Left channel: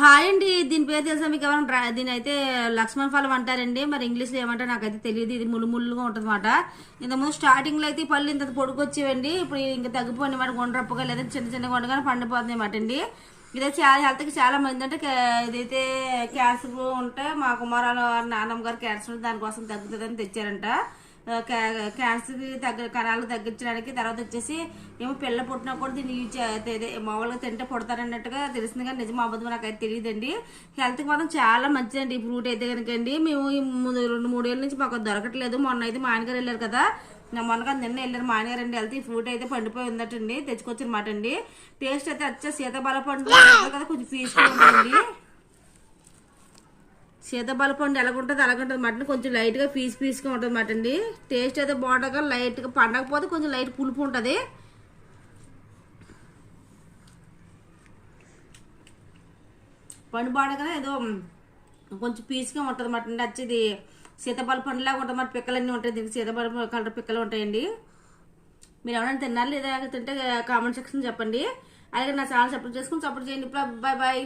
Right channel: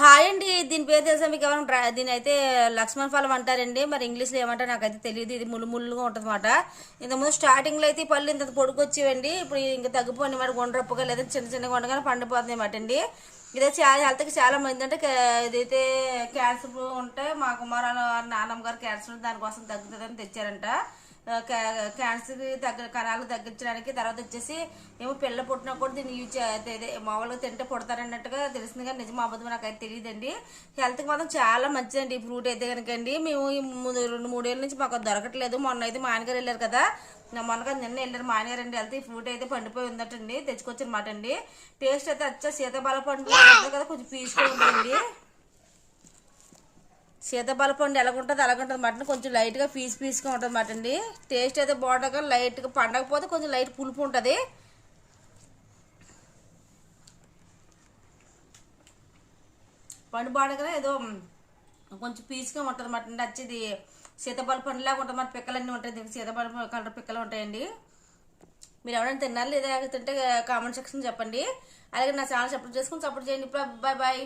Hi అండి. దీని పేరు తెలుసా మీకు? ఏమైనా దీని అయితే లక్ష్మణ్ ఫలం అంటారండి. మరి ఇంగ్లీష్లో ఏమంటారు నాకైతే తెలియదు. ఇది ముళ్ళు ముళ్ళుగా ఉంటుంది అనమాట. ఇంతకుముందు స్టార్టింగ్లో అయితే ఈ పళ్ళు ఇంత పొడుకొచ్చేవండి. ఇప్పుడు ఇంకా తగ్గిపోండి మాట గుండ్రప్పుగా లేదా చిన్న చిన్న గుండగానే పండిపోతుంది అనమాట అండి. ఇదే చాలా హెల్త్కి చాలా మంది అంటే ఇదైతే క్యాన్సర్ ఉంటే మా కుమారాలు నాన్నమ్మ గారు క్యాన్సర్ దానికోసం తగ్గుతుందని తెచ్చారంట. క్యాన్సర్ కణాలు తగ్గించడానికి. తర్వాత వచ్చేసి ఏమో పిల్ల పుట్టినా కూడా దీన్ని యూజ్ మామూలుగా తింటే పుడతారన్నట్టుగా తెలిసింది, కానీ నిజం అబద్ధం నాకైతే తెలియదండి. హెల్త్కి మాత్రం చాలా మంచిదండి ఈ ఫ్రూట్ అయితే కనుకండి. మేము ఈ 2-3 ఏళ్ళ నుంచి మాకు దొరకట్లేదు. మొన్న అయితే మా ఆయనగారు వెళ్ళారు కదా, మొన్నగా నిన్న వెళ్ళారు మా ఆయనగారు అండి. వెళ్తే ఈ ఫ్రూట్ అయితే పండిపోయి ఉందటండి, తెచ్చుకొచ్చారన్నమాట అండి. టేస్ట్ అయితే వచ్చా సీతాఫల పండు కదా, కొంచెం పీస్గా ఉంటుంది. సీతాఫల పండు ఎలాగుంటుంది అలాగుంటుంది మటన్, కొంచెం లైట్గా పీస్గా ఉంటుంది మాట అండి. టేస్ట్ అయితే బాగుంటుంది, లైట్గా పండకపోతే కొంచెం లైట్ పులుపు ఉంటుంది. పండు బాడగా ఏదో కొంచెం పీస్గా ఉంటుంది మాట అండి. వచ్చేది సీతాఫల పండులాగా ఉంటుంది మాట. పిక్కలన్నీ ఉంటాయి దీనికి, సీతాఫల కలర్ పిక్కలు ఉంటాయండి. మీరు ఎవరైనా తిన్నారు లేదా తింటే కామెంట్ సెక్షన్ చెప్పండి. అలాగే నా ఛానల్ సపోర్ట్ చేసుకుని సపోర్ట్ చేయండి. Bye bye.